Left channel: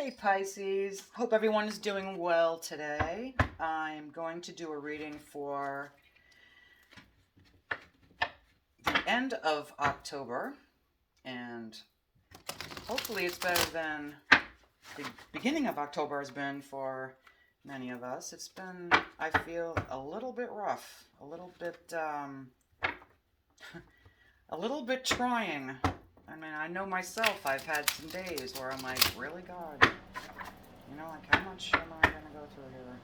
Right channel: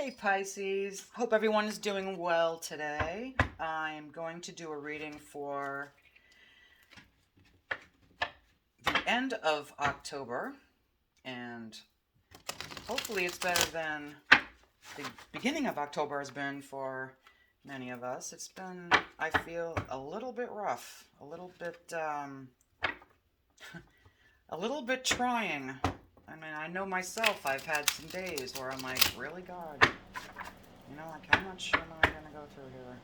Hey Pisces, hope everyone is doing well today. I'm going to do a reading for the end of October, and hopefully it's better than the beginning of October has been for many of us. It's been, I feel, a little bit rough, a little bit trying. I mean, I know myself, I've had some days where I'm like, really, God? Like, how much am I gonna go through here?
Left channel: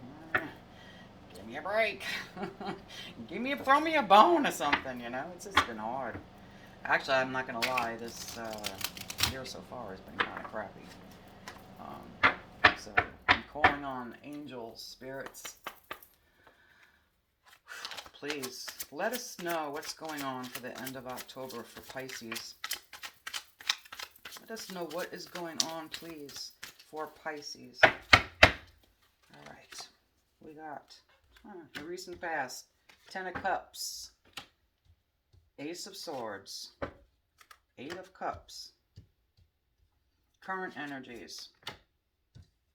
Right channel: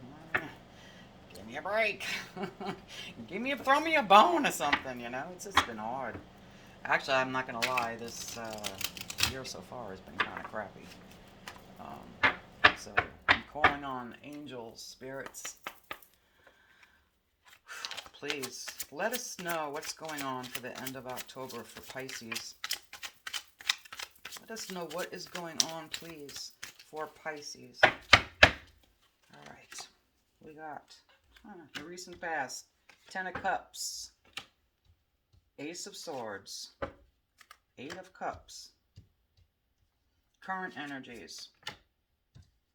Give me a break. Throw me a bone or something, It's just been hard. Actually, I'm not gonna lie, this year so far has been kind of crappy. So I'm calling on angels, spirits. Please, let us know what's going on for the end of October for Pisces. Let us know what is going on, please, for Pisces. Alright, we got the recent past, Ten of Cups, Ace of Swords, Eight of Cups, current energies,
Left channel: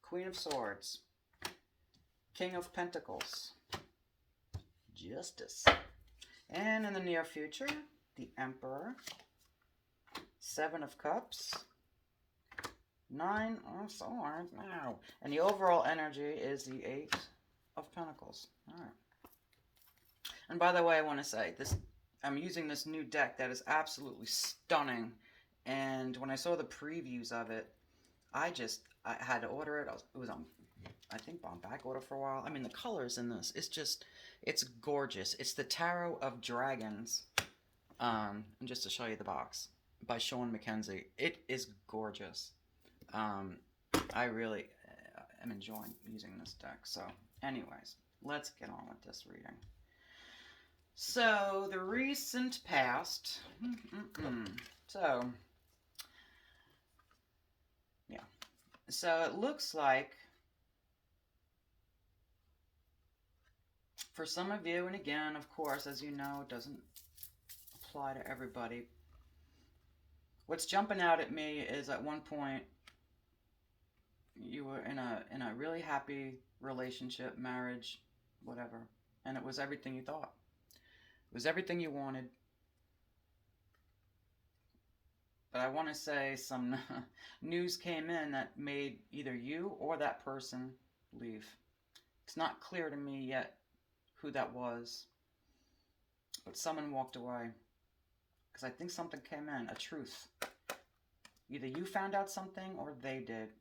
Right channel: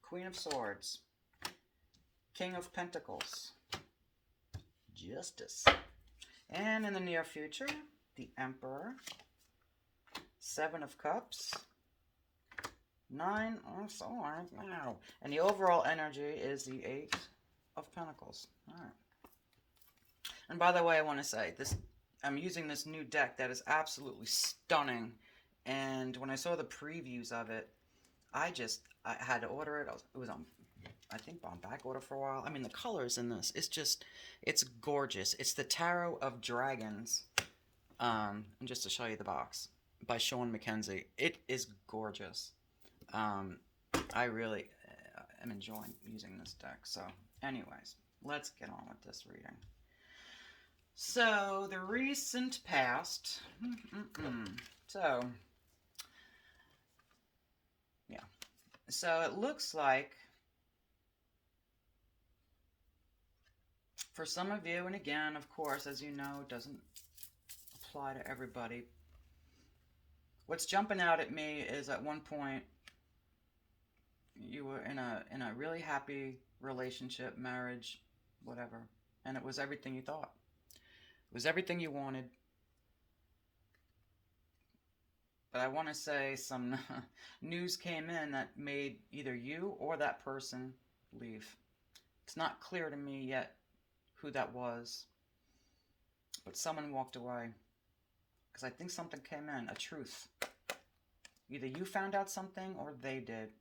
Queen of Swords, King of Pentacles, Justice, and in the near future, the Emperor, Seven of Cups, Nine of Swords, wow, and the overall energy is the Eight of Pentacles. All right. And by the way, I want to say this: I'm using this new deck that is absolutely stunning. And when I saw the previews of it, I had to order it. It was on, I think, on back order for a while. I mean, the colors in this, it's gorgeous. It's the Tarot of Dragons. And just to show you the box, by Sean McKenzie. It is gorgeous. I really am enjoying using this deck. So, anyways, let's get on with this reading. So, the recent past. So, yeah. So, it looks like for some of you, and again, of course, as you know, it doesn't apply to everybody. What's jumping out at me is at one point you were in a really happy relationship, marriage, whatever, and it was everything you thought. It was everything you wanted. But I want to say some news came in that made either you or that person leave. It's not clear to me yet who that was, but someone walked away because I think something came in, a truth. Either you found out something or they did,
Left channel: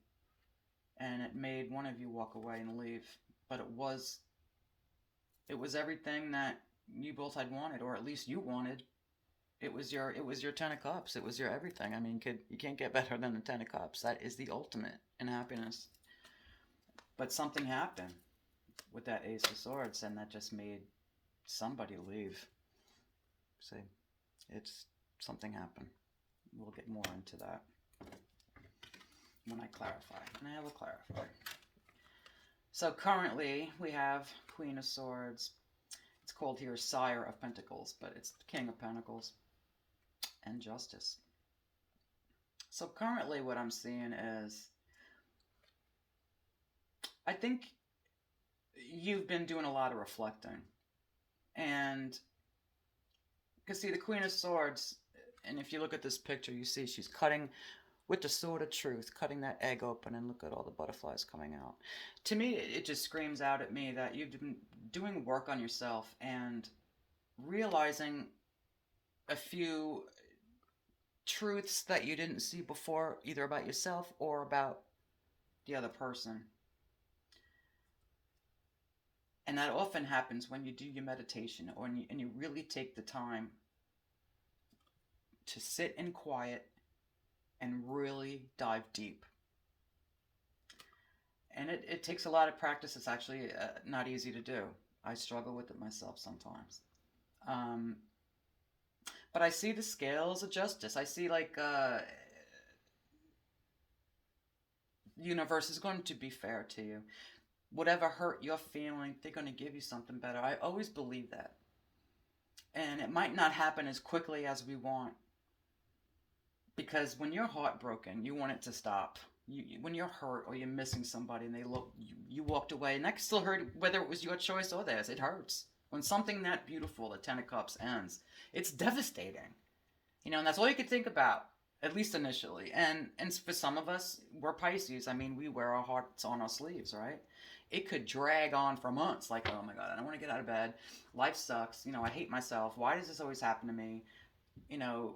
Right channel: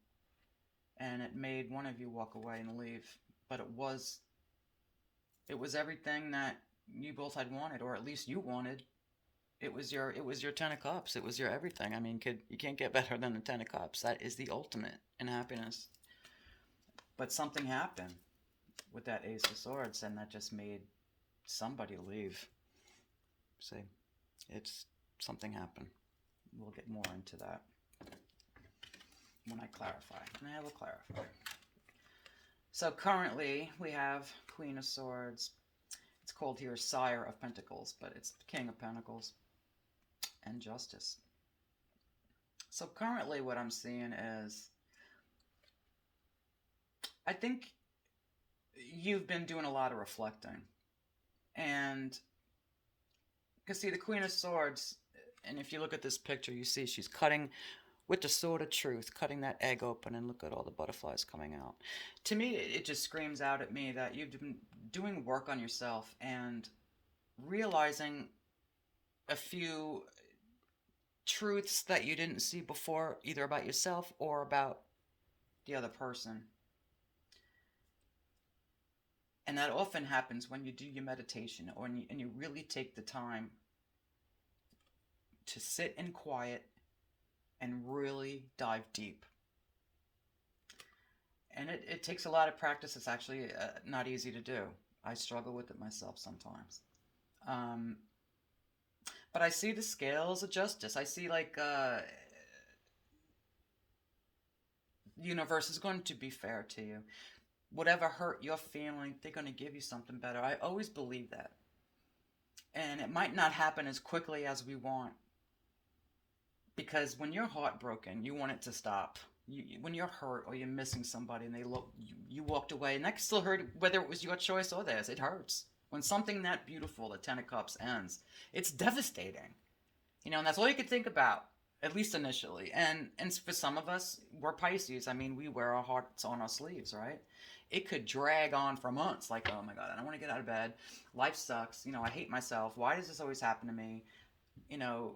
and it made one of you walk away and leave. But it was everything that you both had wanted, or at least you wanted. It was your Ten of Cups. It was your everything. I mean, you can't get better than the Ten of Cups. That is the ultimate in happiness. But something happened with that Ace of Swords, and that just made somebody leave. See, something happened. We'll get more into that when I clarify, and I will clarify. So currently we have Queen of Swords. It's called here Sire of Pentacles, but it's King of Pentacles, and Justice. So currently what I'm seeing is, I think you've been doing a lot of reflecting. And because see, the Queen of Swords, and if you look at this picture, you see she's cutting with the sword of truth, cutting that egg open, and look at all the butterflies coming out. To me, it just screams out at me that you've been doing work on yourself and realizing a few truths that you didn't see before, either about yourself or about the other person. And that often happens when you do your meditation, or and you really take the time to sit in quiet and really dive deep. And it takes a lot of practice. It's actually not easy to do. I struggle with it myself sometimes. But I see the scales of justice. I see like the universe is going to be fair to you. Whatever hurt you're feeling, they're going to give you something better. I always believe that. And it might not happen as quickly as we want. Because when you're heartbroken, you want it to stop. when you're hurt or you're missing somebody and they look, you walked away, and that still hurt whether it was your choice or theirs. It hurts. When something that beautiful, the Ten of Cups, ends, it's devastating. And that's all you could think about, at least initially. And for some of us, we're Pisces. I mean, we wear our hearts on our sleeves, right? It could drag on for months, like, oh my God, I don't want to get out of bed. Life sucks. I hate myself. Why does this always happen to me? You know,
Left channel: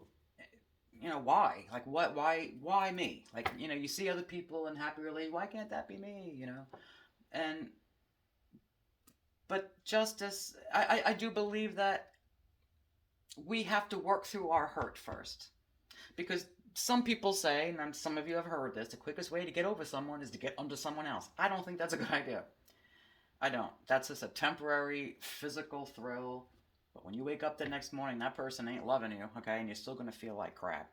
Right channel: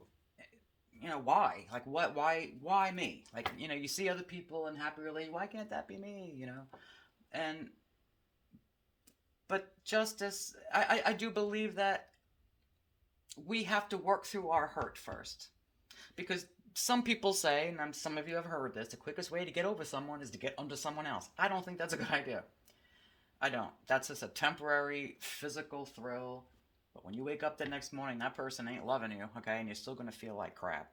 why? Like, what? Why me? Like, you see other people in happy relations. Why can't that be me? And but justice, I do believe that we have to work through our hurt first, because some people say, and some of you have heard this, the quickest way to get over someone is to get under someone else. I don't think that's a good idea. I don't. That's just a temporary physical thrill. But when you wake up the next morning, that person ain't loving you, okay? And you're still going to feel like crap.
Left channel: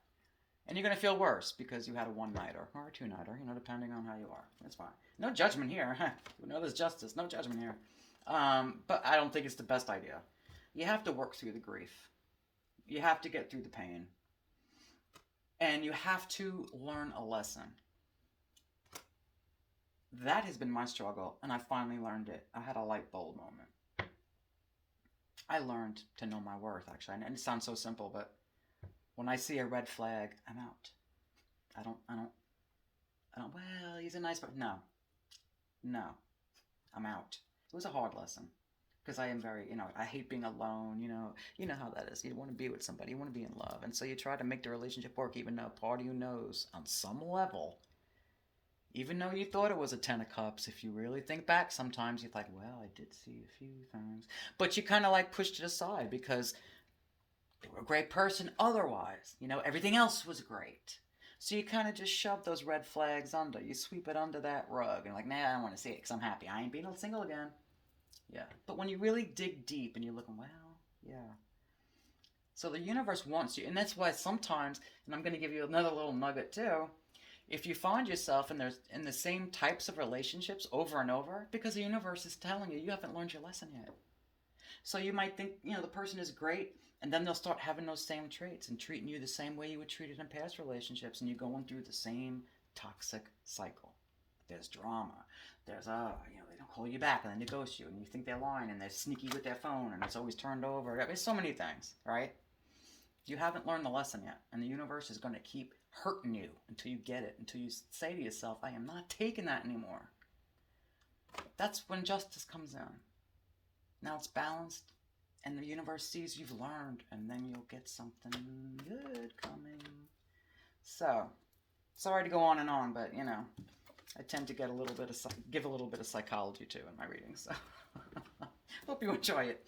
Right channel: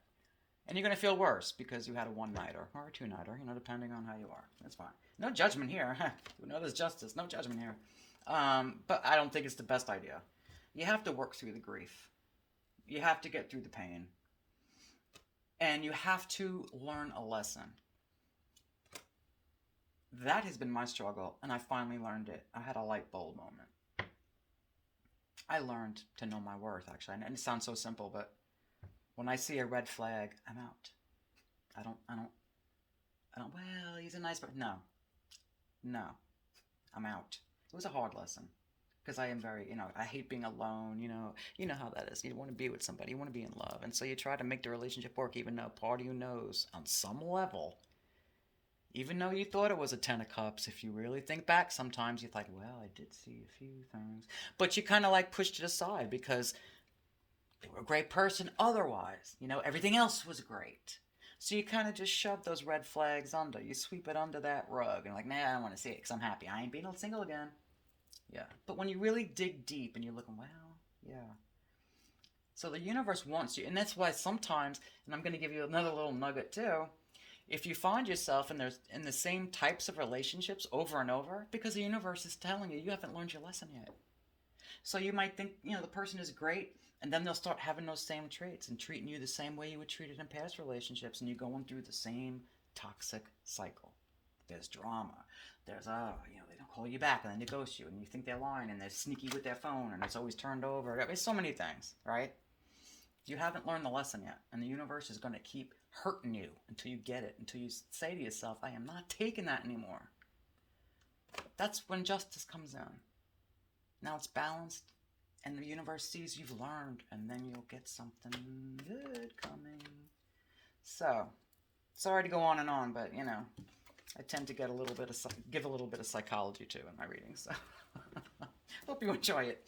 And you're going to feel worse because you had a one-nighter or a two-nighter, depending on how you are. That's fine. No judgment here. There's justice. No judgment here. But I don't think it's the best idea. You have to work through the grief. You have to get through the pain. And you have to learn a lesson. That has been my struggle, and I finally learned it. I had a light bulb moment. I learned to know my worth, actually. And it sounds so simple, but when I see a red flag, I'm out. I don't, well, he's a nice person. No, I'm out. It was a hard lesson. Because I am very, I hate being alone, You know how that is. You want to be with somebody. You want to be in love. And so you try to make the relationship work, even though part of you knows on some level, even though you thought it was a Ten of Cups, if you really think back, sometimes you're like, well, I did see a few things. But you kind of like pushed it aside because they were a great person otherwise. Everything else was great. So you kind of just shove those red flags under. You sweep it under that rug and like, nah, I don't want to see it because I'm happy. I ain't being single again. Yeah. But when you really dig deep and you're looking, well, yeah. So the universe wants you. And that's why sometimes, and I'm going to give you another little nugget too, if you find yourself in the same types of relationships over and over, because the universe is telling you, you haven't learned your lesson yet. So you might think, the person is great, and then they'll start having those same traits and treating you the same way you were treated in past relationships, and you're going through the same toxic cycle. There's drama. There's, they don't call you back and then they ghost you and you think they're lying and they're sneaky with their phone and it's always turned over. There's so many things, right? You haven't learned the lesson yet, and the universe is going to keep hurting you until you get it, until you say to yourself, I am not taking that anymore. That's when justice comes in. Now it's balanced, and the universe sees you've learned, and then you'll get something good coming. So, sorry to go on and on, but, I tend to give a little bit of psychology too in my readings. So hope you enjoy it.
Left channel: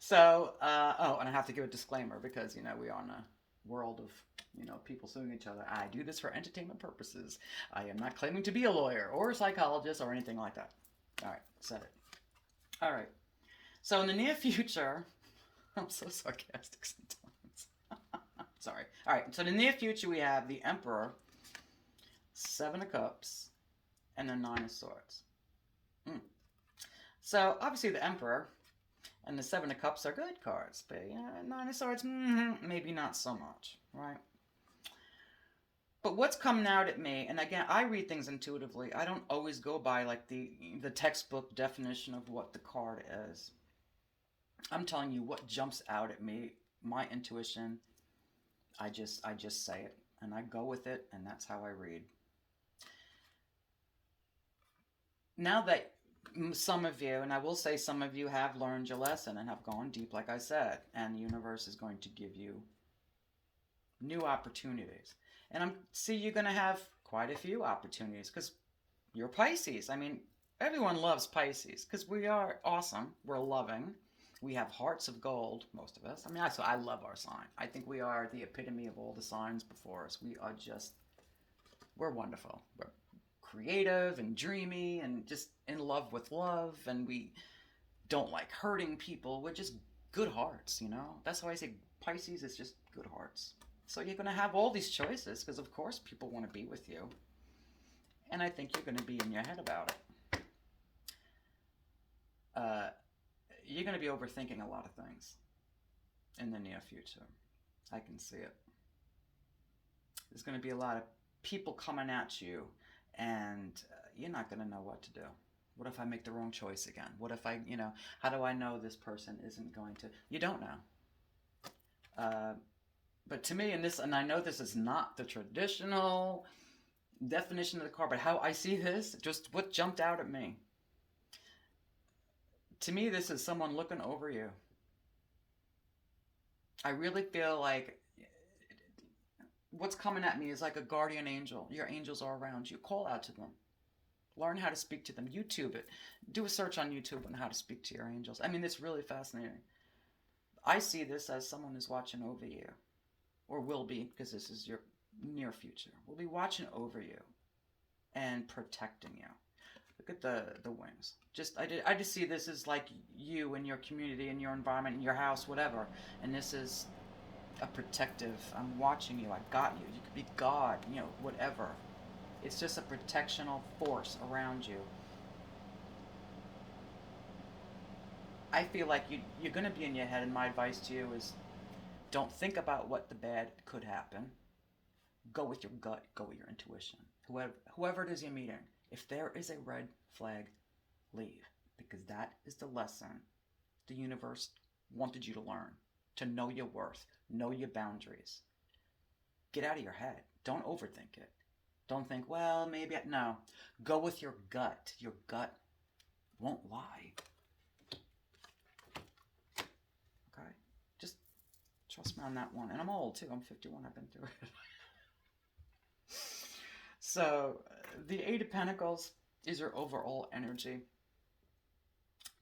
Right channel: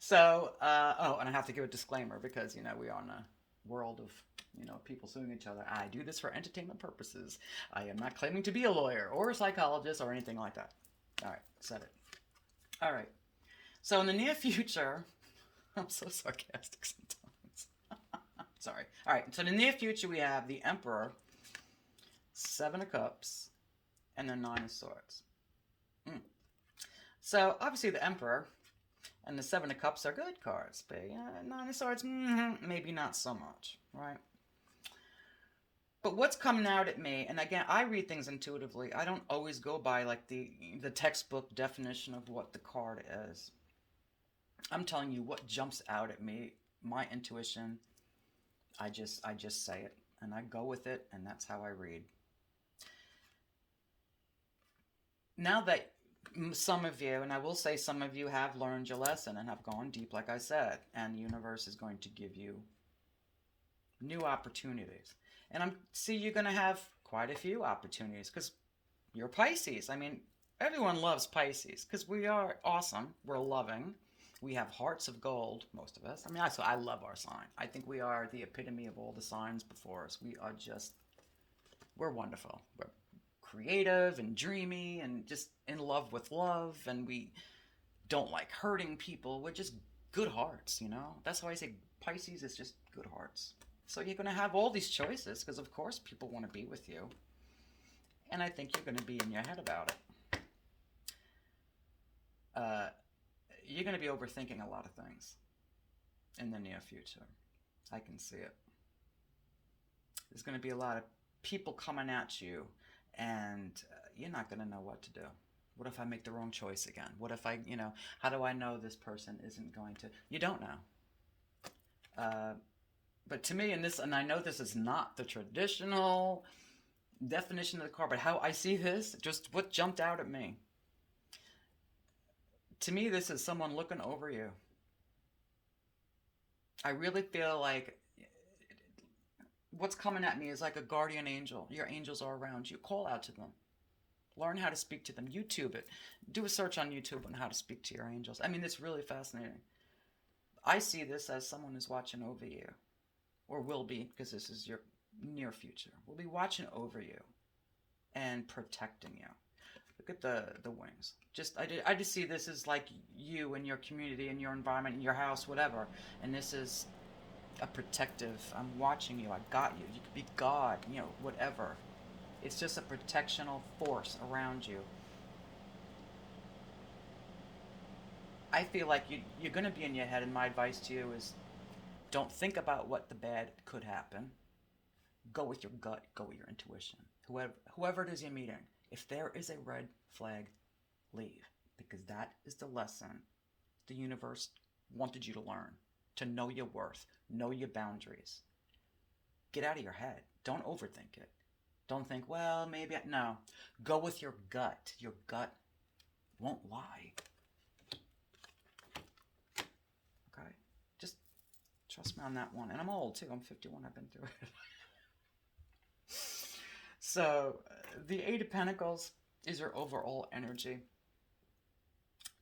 So, and I have to give a disclaimer because, we are in a world of, people suing each other. I do this for entertainment purposes. I am not claiming to be a lawyer or a psychologist or anything like that. All right, said it. All right. So in the near future, I'm so sarcastic sometimes. Sorry. All right. So in the near future, we have the Emperor, Seven of Cups, and the Nine of Swords. So obviously the Emperor and the Seven of Cups are good cards, but Nine of Swords, maybe not so much, right? But what's coming out at me, and again, I read things intuitively. I don't always go by like the textbook definition of what the card is. I'm telling you what jumps out at me, my intuition. I just say it, and I go with it, and that's how I read. Now that some of you, and I will say some of you have learned your lesson and have gone deep, like I said, and the universe is going to give you new opportunities. And you're going to have quite a few opportunities because you're Pisces. I mean, everyone loves Pisces because we are awesome. We're loving. We have hearts of gold, most of us. I mean, I love our sign. I think we are the epitome of all the signs before us. We're wonderful. We're creative and dreamy and just in love with love, and we don't like hurting people. We're just good hearts, That's why I say Pisces is just good hearts. So you're going to have all these choices because, of course, people want to be with you. And I think you're going to be in your head about it. You're going to be overthinking a lot of things in the near future. I can see it. There's going to be a lot of people coming at you and you're not going to know what to do. What if I make the wrong choice again? What if I, how do I know this person isn't going to? You don't know. But to me, and I know this is not the traditional definition of the card, but how I see this, just what jumped out at me. To me, this is someone looking over you. I really feel like what's coming at me is like a guardian angel. Your angels are around you. Call out to them. Learn how to speak to them. YouTube it. Do a search on YouTube on how to speak to your angels. I mean, it's really fascinating. I see this as someone who's watching over you, or will be, because this is your near future. Will be watching over you and protecting you. Look at the wings. I just see this as like you and your community and your environment and your house, whatever. And this is a protective. I'm watching you. I got you. You could be God. Whatever. It's just a protectional force around you. I feel like you're going to be in your head, and my advice to you is don't think about what the bad could happen. Go with your gut. Go with your intuition. Whoever it is you're meeting, if there is a red flag, leave. Because that is the lesson the universe wanted you to learn. To know your worth. Know your boundaries. Get out of your head. Don't overthink it. Don't think, well, maybe. No. Go with your gut. Your gut won't lie. Okay? Just trust me on that one. And I'm old, too. I'm 51. I've been through it. So, the Eight of Pentacles is your overall energy.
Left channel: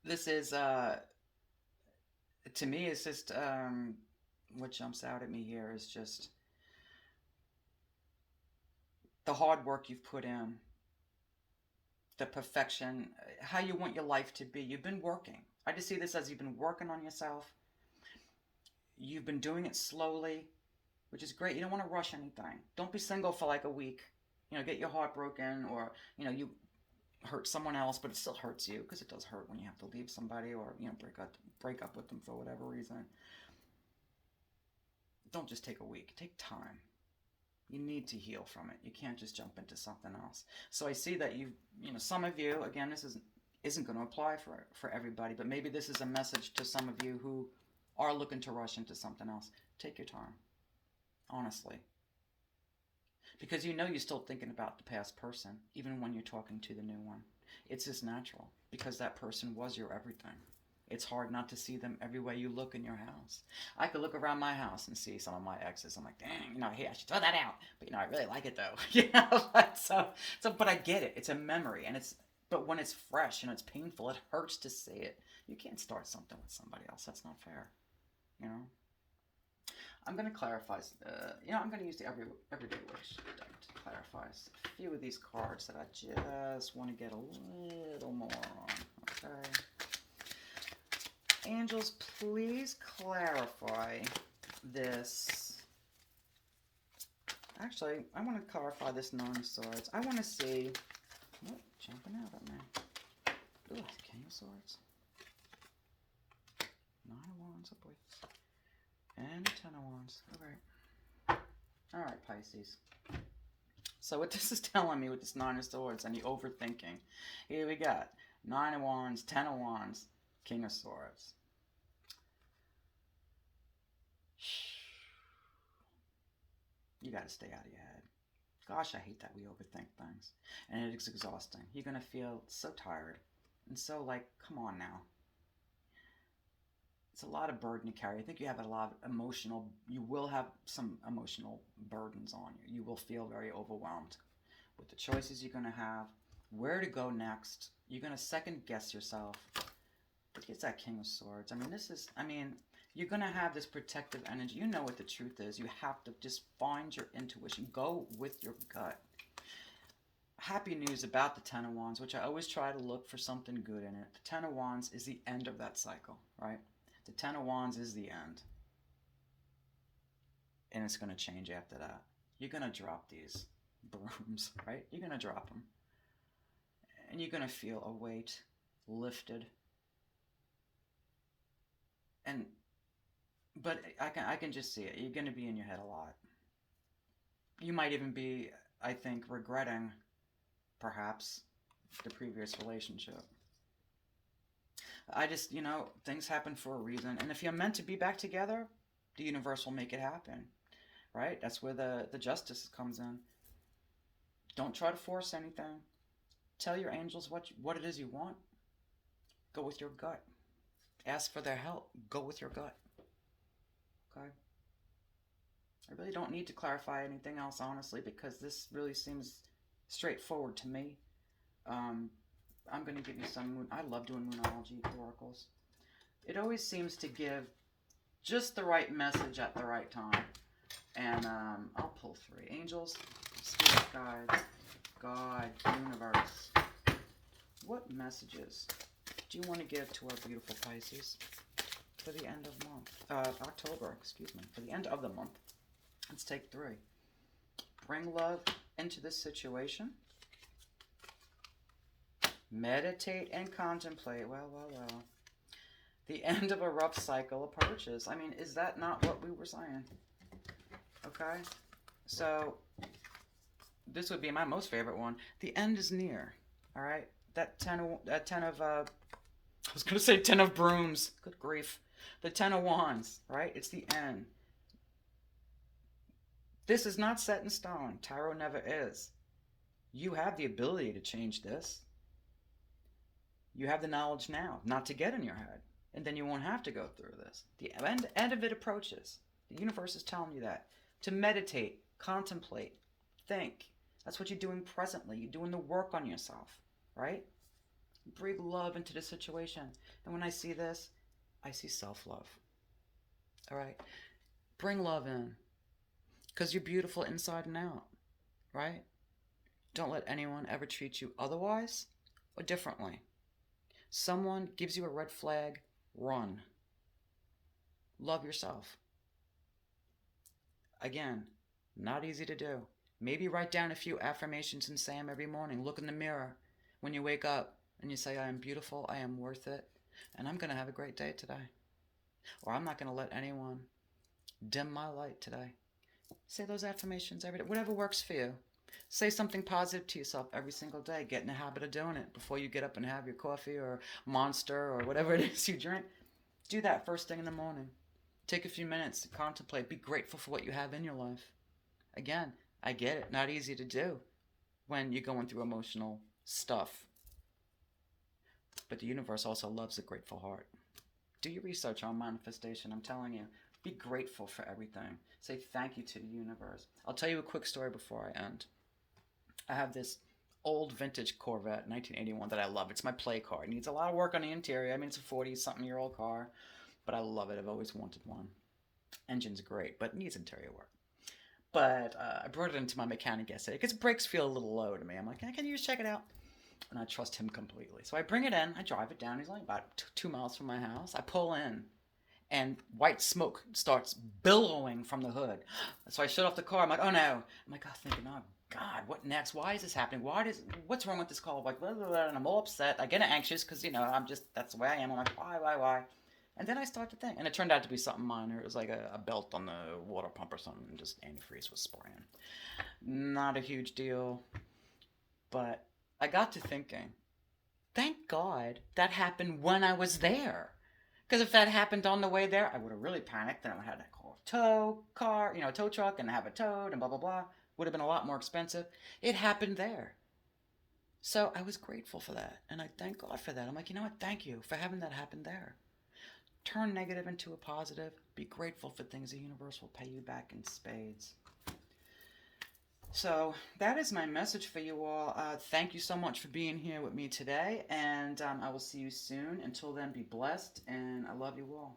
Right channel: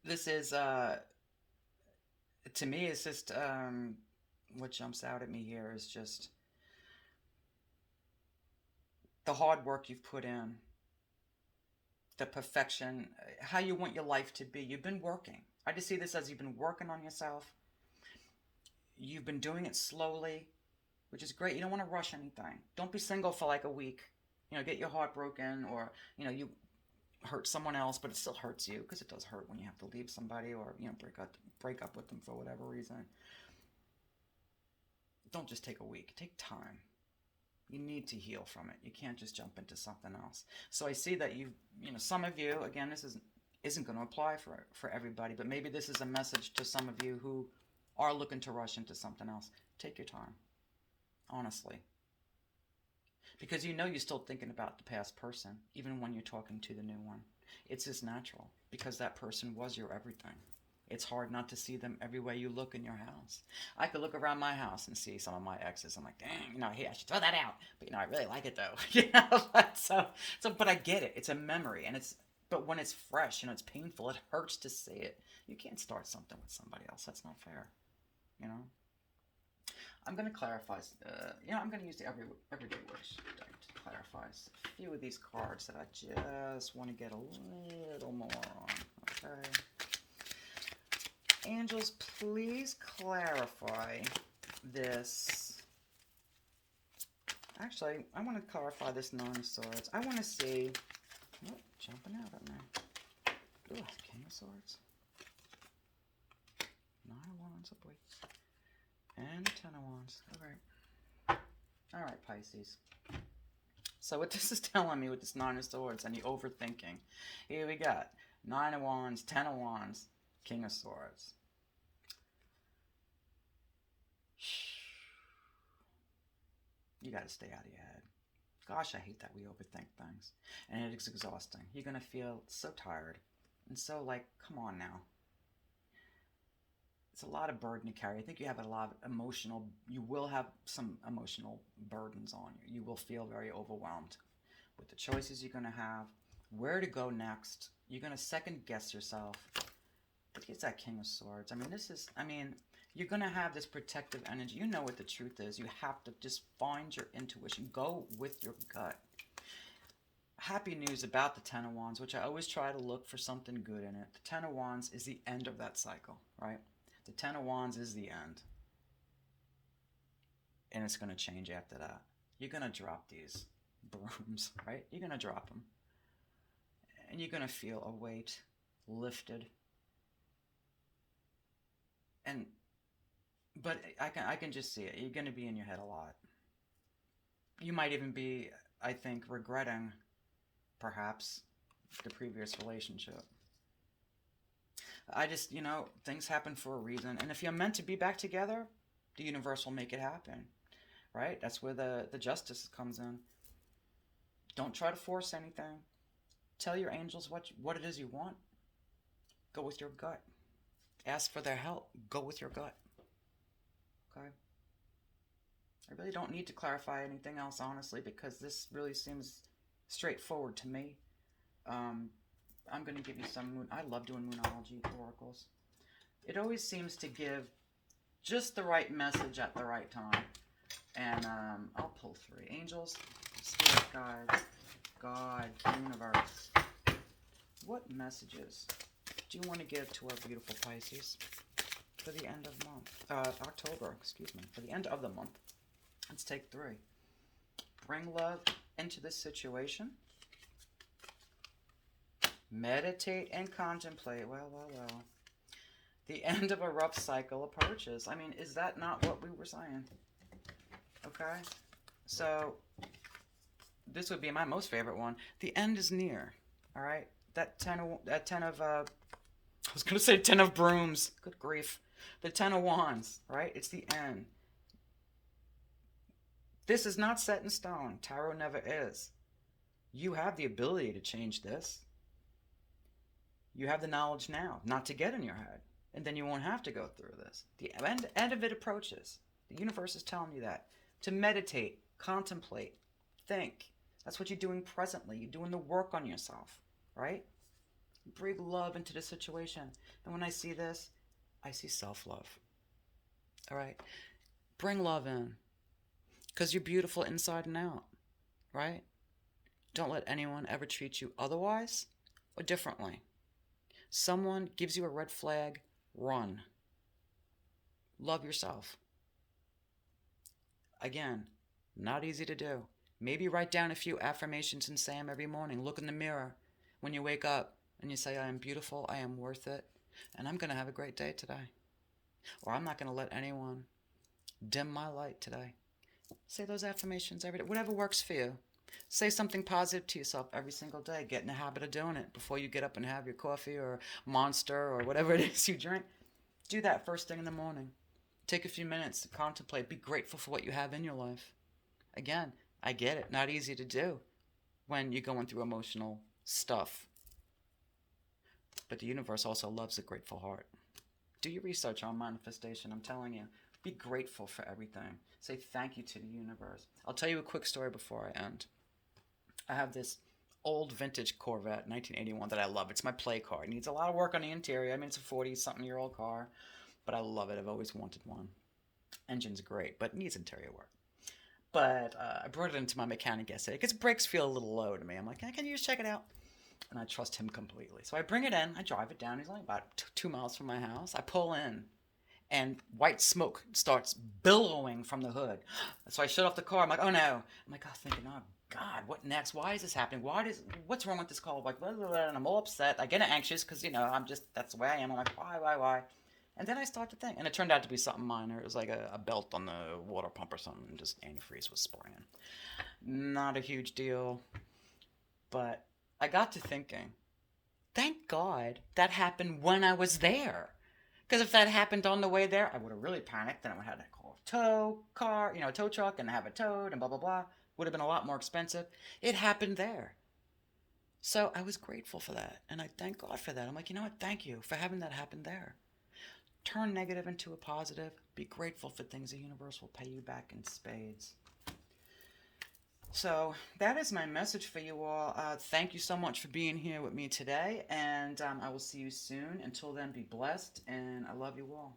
This is, to me, it's just, what jumps out at me here is just the hard work you've put in, the perfection, how you want your life to be. You've been working. I just see this as you've been working on yourself. You've been doing it slowly, which is great. You don't want to rush anything. Don't be single for like a week. Get your heart broken, or, you hurt someone else, but it still hurts you, because it does hurt when you have to leave somebody, or, break up with them for whatever reason. Don't just take a week. Take time. You need to heal from it. You can't just jump into something else. So I see that some of you, again, this isn't going to apply for everybody, but maybe this is a message to some of you who are looking to rush into something else. Take your time. Honestly. Because you're still thinking about the past person, even when you're talking to the new one. It's just natural, because that person was your everything. It's hard not to see them everywhere you look in your house. I could look around my house and see some of my exes. I'm like, dang, hey, I should throw that out. But, I really like it, though. But I get it. It's a memory. But when it's fresh, it's painful. It hurts to see it. You can't start something with somebody else. That's not fair. I'm going to clarify, I'm going to use the Everyday Wish deck to clarify a few of these cards that I just want to get a little more on. Okay. Angels, please clarify this. Actually, I want to clarify this Nine of Swords. I want to see, jumping out at me. Ooh, King of Swords. Nine of Wands, oh boy. And 10 of Wands. All right, Pisces. So what this is telling me with this Nine of Swords and the overthinking, here we got 9 of Wands, 10 of Wands, King of Swords. You got to stay out of your head. Gosh, I hate that we overthink things. And it's exhausting. You're going to feel so tired. And so, come on now. It's a lot of burden to carry. I think you have you will have some emotional burdens on you. You will feel very overwhelmed with the choices you're going to have, where to go next. You're going to second guess yourself. But it's that King of Swords. You're going to have this protective energy. You know what the truth is. You have to just find your intuition. Go with your gut. Happy news about the Ten of Wands, which I always try to look for something good in it. The Ten of Wands is the end of that cycle, right? The Ten of Wands is the end. And it's going to change after that. You're going to drop these brooms, right? You're going to drop them. And you're going to feel a weight lifted. But I can just see it. You're going to be in your head a lot. You might even be, I think, regretting perhaps the previous relationship. I just, things happen for a reason. And if you're meant to be back together, the universe will make it happen, right? That's where the justice comes in. Don't try to force anything. Tell your angels what it is you want. Go with your gut. Ask for their help. Go with your gut. Okay? I really don't need to clarify anything else, honestly, because this really seems straightforward to me. I'm going to give you some moon. I love doing moonology oracles. It always seems to give just the right message at the right time. And I'll pull 3. Angels, spirit guides, God, universe. What messages do you want to give to our beautiful Pisces for the end of October, for the end of the month? Let's take 3. Bring love into this situation. Meditate and contemplate. Well. The end of a rough cycle approaches. I mean, is that not what we were saying? Okay? So, this would be my most favorite one. The end is near. All right? That 10 of I was going to say 10 of brooms. Good grief. The 10 of wands, right? It's the end. This is not set in stone. Tarot never is. You have the ability to change this. You have the knowledge now, not to get in your head. And then you won't have to go through this. The end of it approaches. The universe is telling you that. To meditate, contemplate, think. That's what you're doing presently. You're doing the work on yourself, right? Bring love into the situation. And when I see this, I see self-love. All right? Bring love in. Because you're beautiful inside and out, right? Don't let anyone ever treat you otherwise or differently. Someone gives you a red flag, run. Love yourself. Again, not easy to do. Maybe write down a few affirmations and say them every morning. Look in the mirror when you wake up and you say, I am beautiful, I am worth it, and I'm going to have a great day today. Or I'm not going to let anyone dim my light today. Say those affirmations every day. Whatever works for you. Say something positive to yourself every single day. Get in the habit of doing it before you get up and have your coffee or Monster or whatever it is you drink. Do that first thing in the morning. Take a few minutes to contemplate. Be grateful for what you have in your life. Again, I get it. Not easy to do when you're going through emotional stuff. But the universe also loves a grateful heart. Do your research on manifestation. I'm telling you. Be grateful for everything. Say thank you to the universe. I'll tell you a quick story before I end. I have this old vintage Corvette, 1981, that I love. It's my play car. It needs a lot of work on the interior. I mean, it's a 40-something-year-old car, but I love it. I've always wanted one. Engine's great, but needs interior work. But I brought it into my mechanic yesterday because brakes feel a little low to me. I'm like, can you just check it out? And I trust him completely. So I bring it in. I drive it down. He's only about 2 miles from my house. I pull in. And white smoke starts billowing from the hood. So I shut off the car. I'm like, oh no. I'm like, thinking, oh God, what next? Why is this happening? What's wrong with this car? Like, blah, blah, blah. And I'm all upset. I get anxious because, that's the way I am. I'm like, why? And then I start to think. And it turned out to be something minor. It was like a belt on the water pump or something. Just antifreeze was spraying. Not a huge deal. But I got to thinking, thank God that happened when I was there. Because if that happened on the way there, I would have really panicked. Then I would have to call a tow truck and have it towed and blah, blah, blah. Would have been a lot more expensive. It happened there. So I was grateful for that. And I thank God for that. I'm like, you know what? Thank you for having that happen there. Turn negative into a positive. Be grateful for things. The universe will pay you back in spades. So that is my message for you all. Thank you so much for being here with me today, and I will see you soon. Until then, be blessed, and I love you all.